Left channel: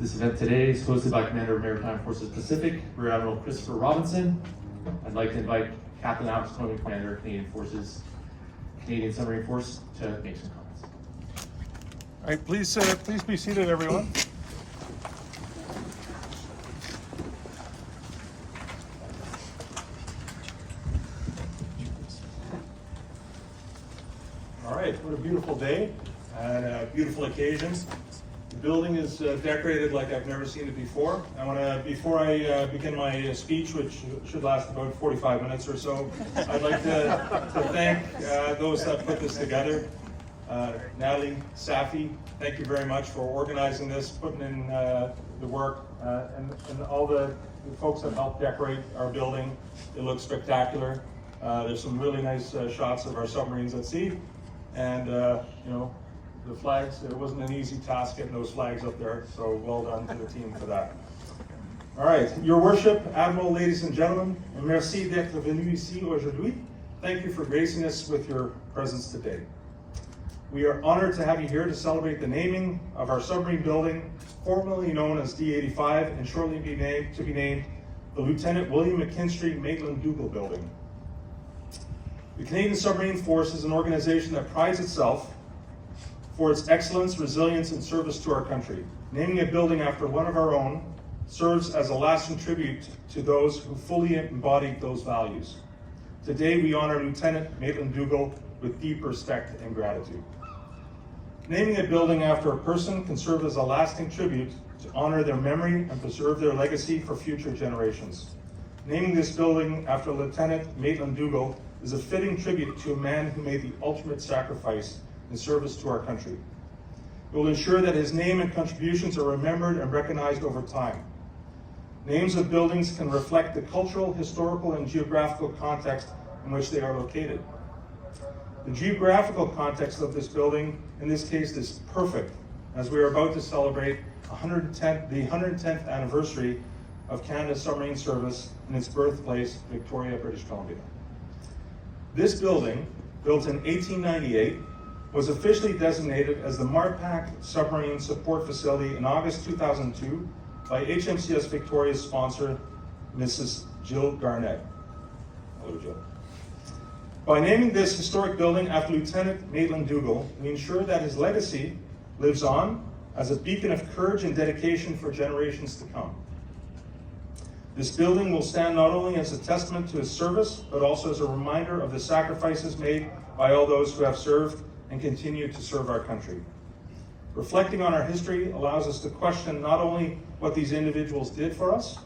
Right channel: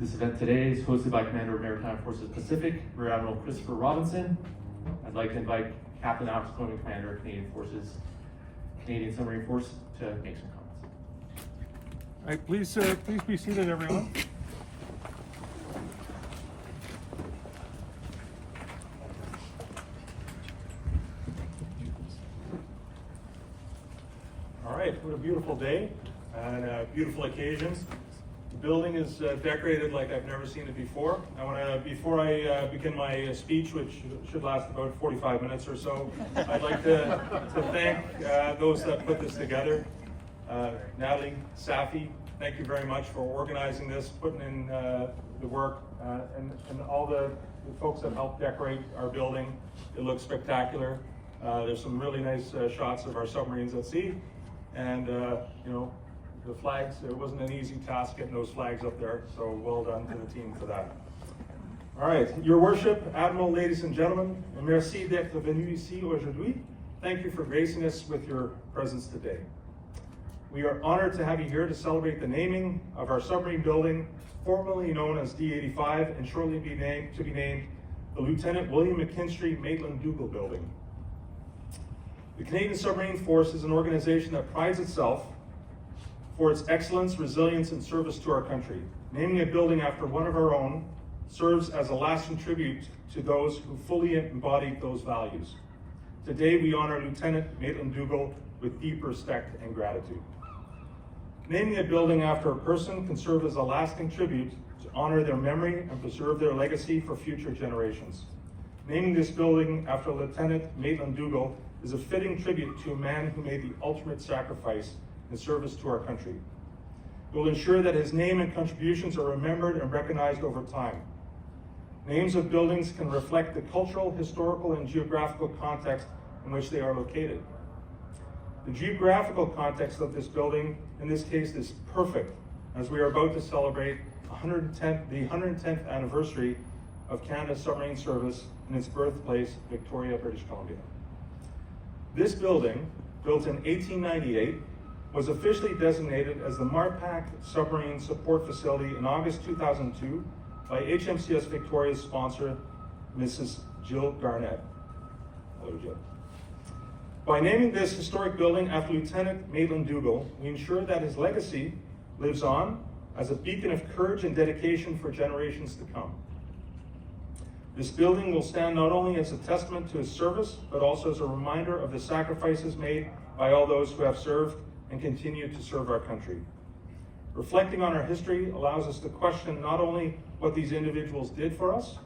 This event today is hosted by Commander of Maritime Forces Pacific, Rear-Admiral Christopher Robinson. I'd like to invite Captain Alex Kooiman, Commander of Canadian Forces, Canadian Submarine Force, to make some comments. All right, please be seated, everyone. All right, what a beautiful day and a beautiful occasion. The building is decorated like I've never seen it before. I want to, before I begin my speech, which should last about 45 minutes or so, I'd like to thank those that put this together. Natalie, Safi, thank you very much for organizing this, putting in the work, and all the folks that helped decorate our building. It looks spectacular. There's some really nice shots of our submarines at sea, and you know, the flags, it wasn't an easy task getting those flags up there, so well done to the team for that. All right, Your Worship, Admiral, ladies and gentlemen, merci d'être venu ici aujourd'hui. Thank you for gracing us with your presence today. We are honored to have you here to celebrate the naming of our submarine building, formerly known as D85, and shortly be named the Lieutenant William McKinstry Maitland-Dougall Building. The Canadian Submarine Force is an organization that prides itself for its excellence, resilience, and service to our country. Naming a building after one of our own serves as a lasting tribute to those who fully embodied those values. Today, we honor Lieutenant Maitland-Dougall with deep respect and gratitude. Naming a building after a person can serve as a lasting tribute to honor their memory and preserve their legacy for future generations. Naming this building after Lieutenant Maitland-Dougall is a fitting tribute to a man who made the ultimate sacrifice in service to our country. It will ensure that his name and contributions are remembered and recognized over time. Names of buildings can reflect the cultural, historical, and geographical context in which they are located. The geographical context of this building, in this case, is perfect, as we are about to celebrate the 110th anniversary of Canada's submarine service in its birthplace, Victoria, British Columbia. This building, built in 1898, was officially designated as the Maritime Submarine Support Facility in August 2002 by HMCS Victoria's sponsor, Mrs. Jill Garnett. Hello, Jill. By naming this historic building after Lieutenant Maitland-Dougall, we ensure that his legacy lives on as a beacon of courage and dedication for generations to come. This building will stand not only as a testament to his service, but also as a reminder of the sacrifices made by all those who have served and continue to serve our country. Reflecting on our history allows us to question not only what these individuals did for us,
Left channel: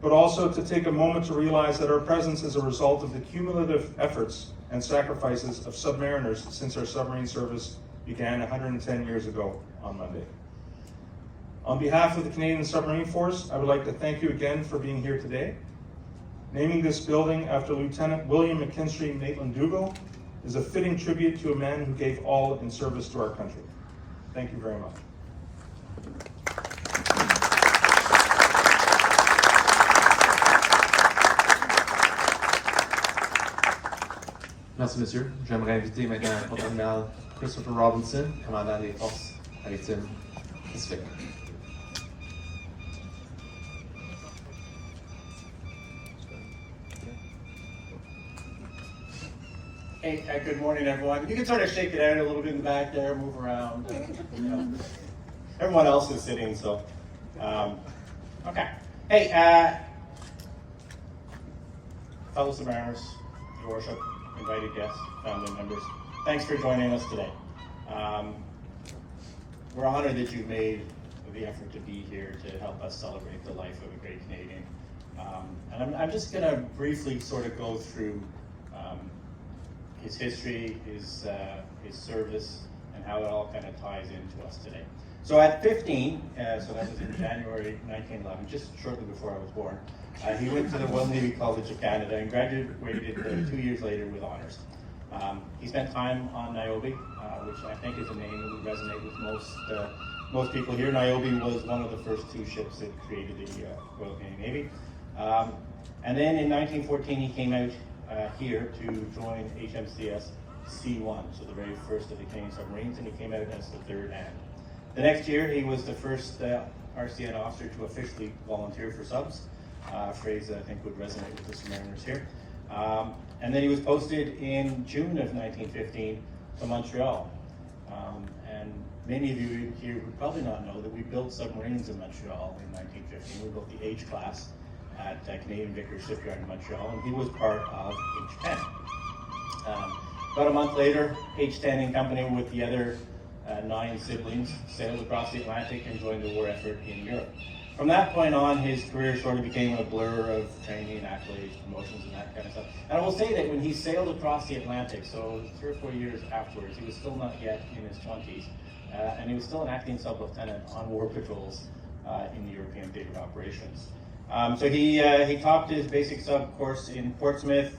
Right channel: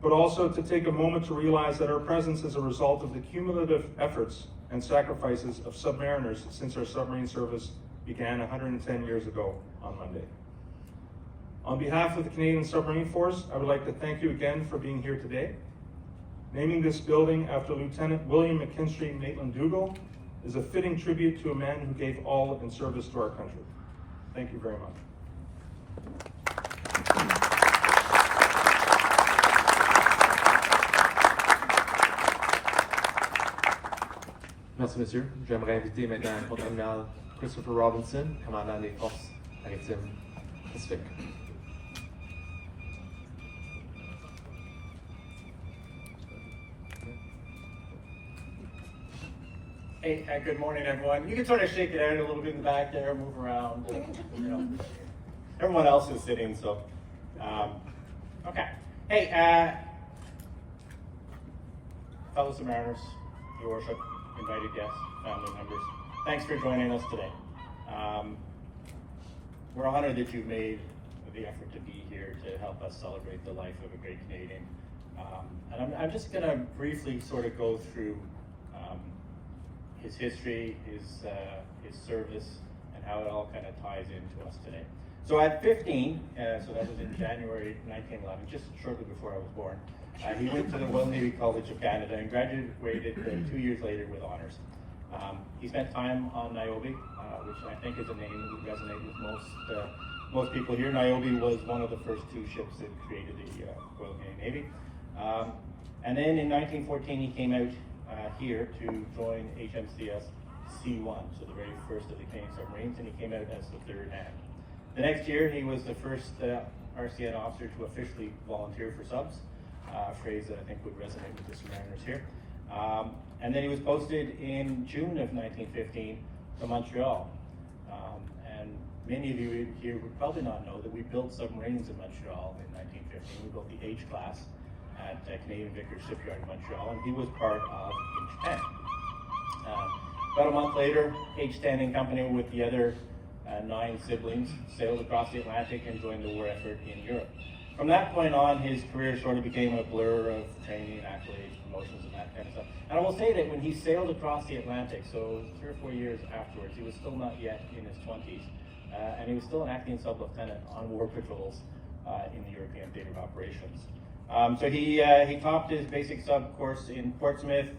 but also to take a moment to realize that our presence is a result of the cumulative efforts and sacrifices of submariners since our submarine service began 110 years ago on Monday. On behalf of the Canadian Submarine Force, I would like to thank you again for being here today. Naming this building after Lieutenant William McKinstry Maitland-Dougall is a fitting tribute to a man who gave all in service to our country. Thank you very much. Merci, monsieur. J'aimerais inviter maintenant Lt-Admiral Christopher Robinson, commandant des forces maritimes Pacifique. Hey, good morning, everyone. You can sort of shake it out a little bit in the back there, move around. You know, everyone else is sitting, so okay. Hey, fellow submariners, Your Worship, invited guests, family members, thanks for joining us today. We're honored that you've made the effort to be here to help us celebrate the life of a great Canadian. And I'm just going to briefly sort of go through his history, his service, and how it all kind of ties into us today. So at 15, so that was in January 1911, just shortly before I was born, he went to the Royal Navy College of Canada and graduated 2 years later with honors. He spent time on Niobe, which I think is a name that would resonate with most people here. Niobe was one of the first two ships that created the Royal Canadian Navy. And then in 1914, he came out here to join HMCS C1, so the very first of the Canadian submarines, and he came out as the third hand. The next year, he was the first RCN officer to officially volunteer for subs, a phrase that I think would resonate with the submariners here. And then he was posted in June of 1915 to Montreal. And many of you here would probably not know that we built submarines in Montreal in 1915. We built the H-class at Canadian Vickers Shipyard in Montreal, and he was part of H-10. About a month later, H-10 in company with the other 9 siblings sailed across the Atlantic and joined the war effort in Europe. From that point on, his career sort of became a blur of training, accolades, promotions, and that kind of stuff. And I will say that when he sailed across the Atlantic, so 3 or 4 years afterwards, he was still not yet in his 20s, and he was still an acting sub-lieutenant on war patrols in the European theater of operations. So he topped his basic sub course in Portsmouth,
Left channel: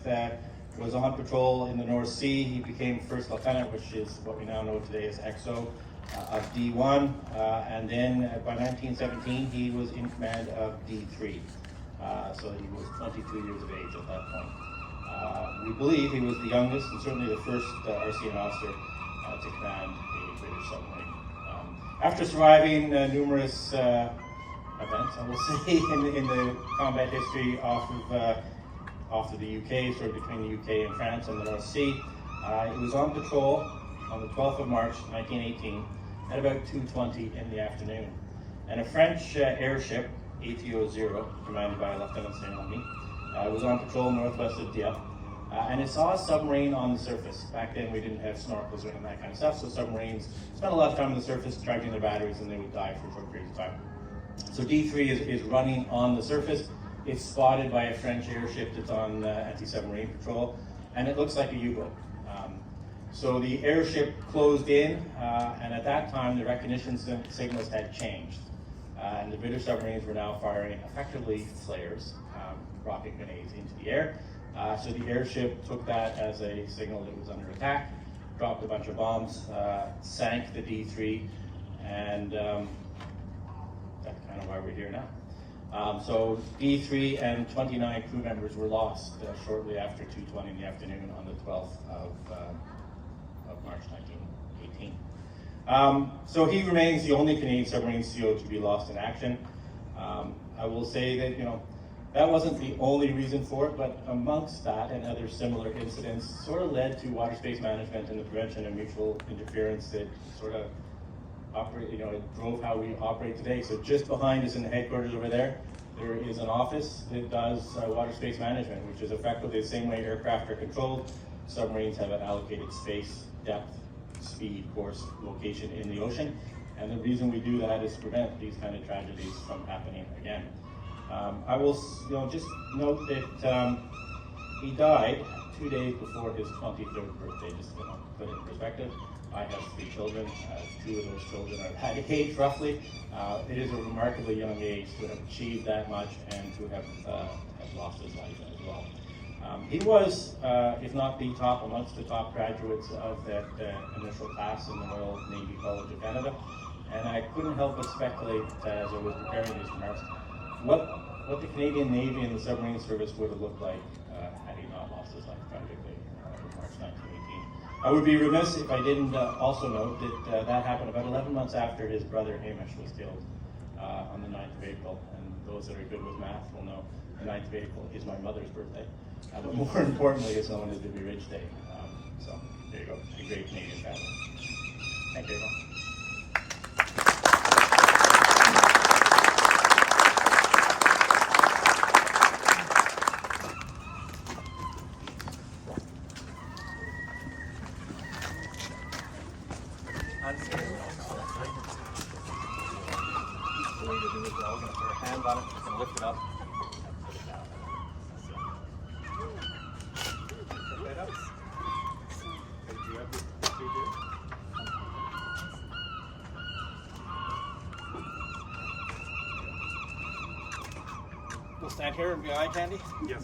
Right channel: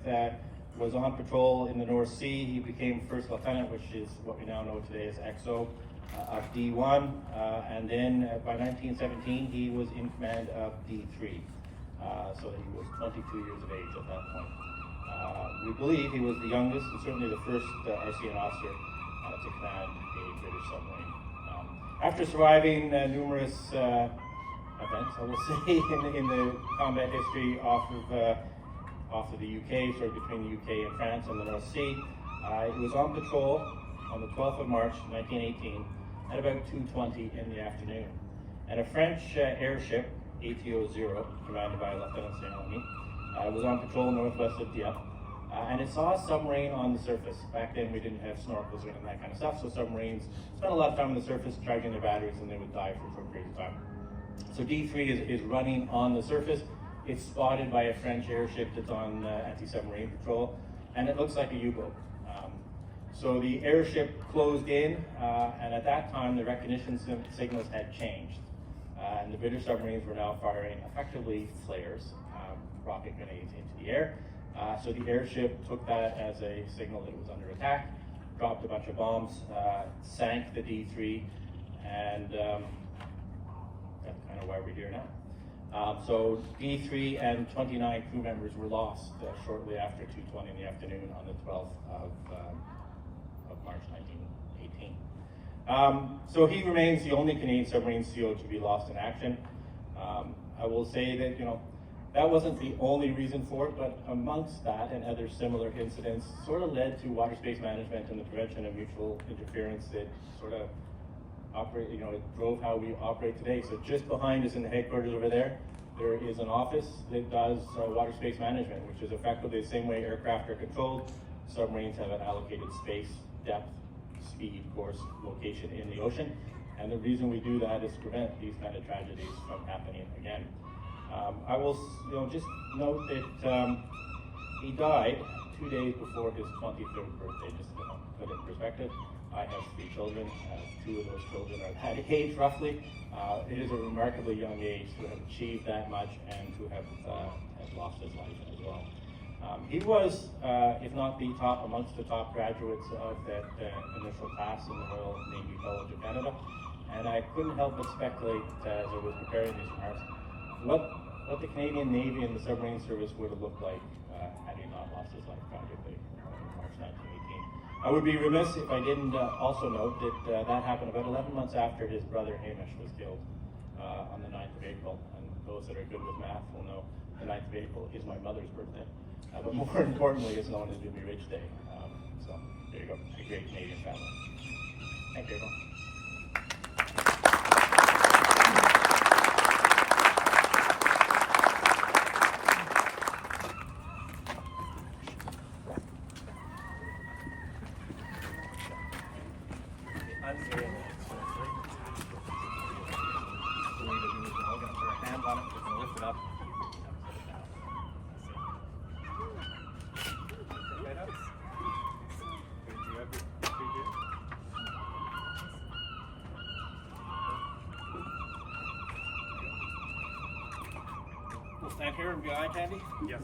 was on patrol in the North Sea. He became first lieutenant, which is what we now know today as XO, of D1, and then by 1917 he was in command of D3. So he was 22 years of age at that point. We believe he was the youngest and certainly the first RCN officer to command a British submarine. After surviving numerous events, I will say, in the combat history off of the UK, sort of between the UK and France and the North Sea, he was on patrol on the 12th of March 1918 at about 2:20 in the afternoon. And a French airship, ATO-0, commanded by Lieutenant Saint-Lamy, was on patrol northwest of Dieppe, and it saw a submarine on the surface. Back then we didn't have snorkels or that kind of stuff, so submarines spent a lot of time on the surface charging their batteries and they would die for a short period of time. So D3 is running on the surface. It's spotted by a French airship that's on anti-submarine patrol, and it looks like a U-boat. So the airship closed in, and at that time the recognition signals had changed. And the British submarines were now firing effectively flares, rocket grenades into the air. So the airship took that as a signal that it was under attack, dropped a bunch of bombs, sank the D3, and that's kind of why we're here now. So D3 and 29 crew members were lost shortly after 2:20 in the afternoon on the 12th of March 1918. So he remains the only Canadian submarine CO to be lost in action. I will say that, that wasn't the only reason for it, but amongst that and other similar incidents sort of led to water space management and the prevention of mutual interference that sort of it drove how we operate today. So just behind us in the headquarters over there is an office that does water space management, which is effectively the same way aircraft are controlled. Submarines have an allocated space, depth, speed, course, location in the ocean. And the reason we do that is to prevent these kind of tragedies from happening again. I will just note that he died 2 days before his 23rd birthday, just to put it in perspective. I have 3 children. 2 of those children are at that age, roughly. It is a remarkably young age to have achieved that much and to have lost his life as well. He was, if not the top, amongst the top graduates of that initial class in the Royal Navy College of Canada. And I couldn't help but speculate as I was preparing these remarks, what the Canadian Navy and the submarine service would have looked like had he not lost his life tragically in March 1918. I would be remiss if I didn't also note that that happened about 11 months after his brother Hamish was killed on the 9th of April. And those that are good with math will know the 9th of April is my mother's birthday. But more importantly, it's known as Doobie Ridge Day. So there you go, a great Canadian family. Thank you, everyone. The way to do it, we're going to put our hands on it, we're going to lift it up, and put it down. Pick that up. Good, you have your feet here. We'll stand here and be eye candy? Yes.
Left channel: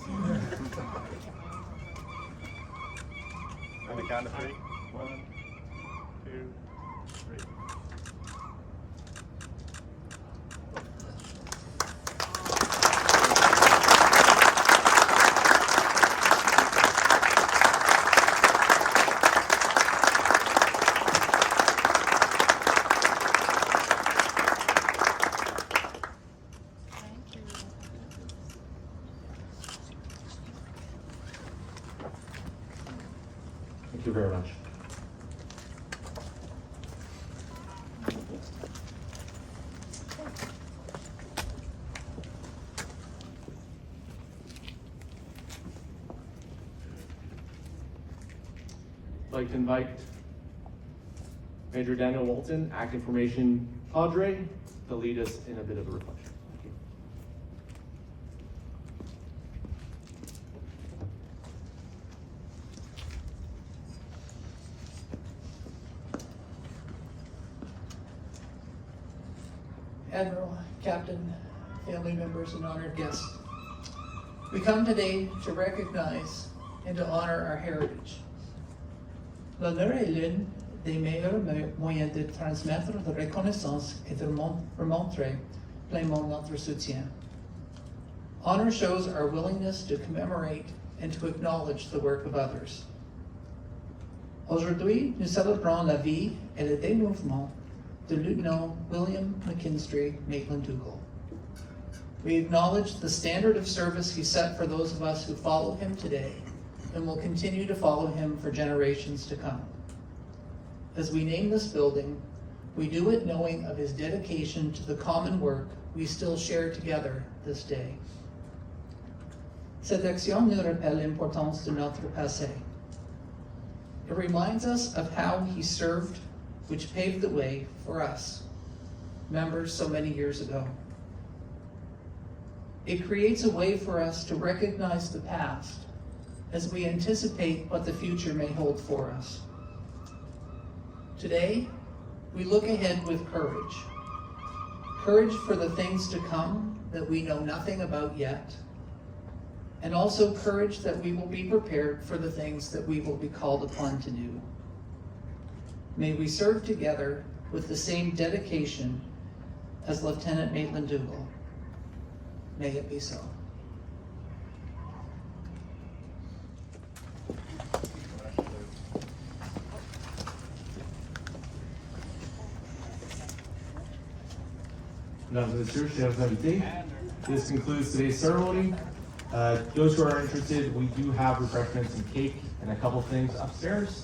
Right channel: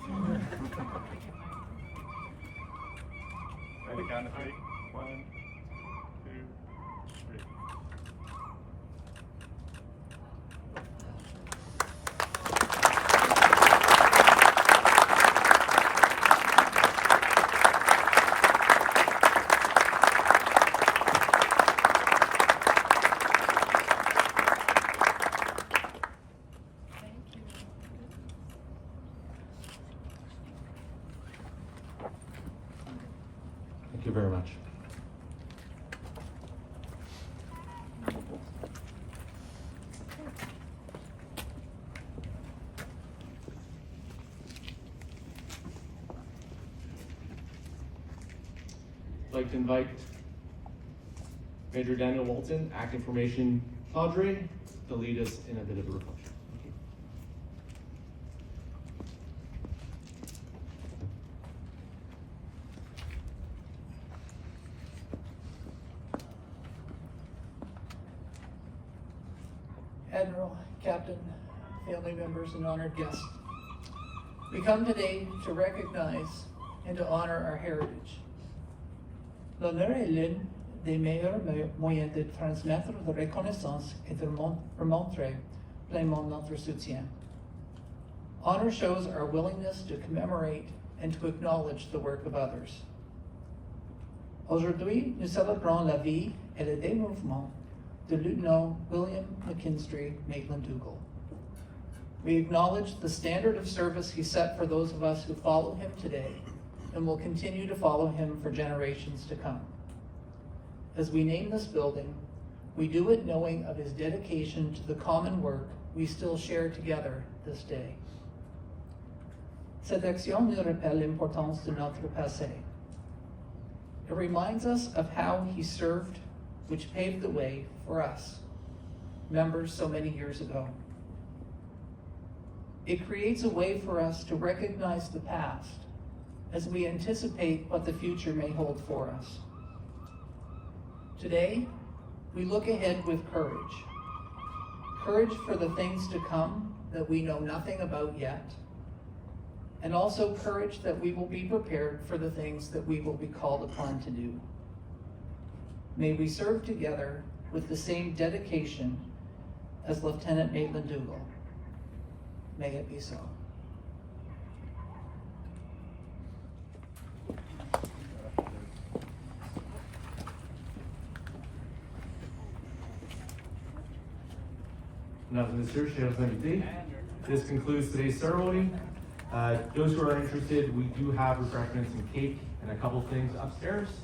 On the count of 3. 1, 2, 3. very much. I'd like to invite Major Daniel Walton, Acting Formation Cadre, to lead us in a bit of a reflection. Thank you. Admiral, Captain, family members, and honored guests. We come today to recognize and to honor our heritage. L'honneur est l'une des meilleurs moyens de transmettre de reconnaissance et de remontrer pleinement notre soutien. Honor shows our willingness to commemorate and to acknowledge the work of others. Aujourd'hui, nous célébrons la vie et le dénouement de Lieutenant William McKinstry Maitland-Dougall. We acknowledge the standard of service he set for those of us who follow him today and will continue to follow him for generations to come. As we name this building, we do it knowing of his dedication to the common work we still share together this day. Cette action nous rappelle l'importance de notre passé. It reminds us of how he served, which paved the way for us, members so many years ago. It creates a way for us to recognize the past as we anticipate what the future may hold for us. Today, we look ahead with courage. Courage for the things to come that we know nothing about yet, and also courage that we will be prepared for the things that we will be called upon to do. May we serve together with the same dedication as Lieutenant Maitland-Dougall. May it be so. Mesdames et messieurs, chers invités, this concludes today's ceremony. Those who are interested, we do have refreshments and cake and a couple things upstairs.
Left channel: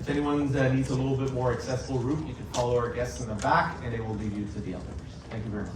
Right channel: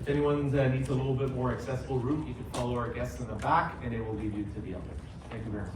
If anyone needs a little bit more accessible route, you can follow our guests in the back and they will lead you to the elevators. Thank you very much.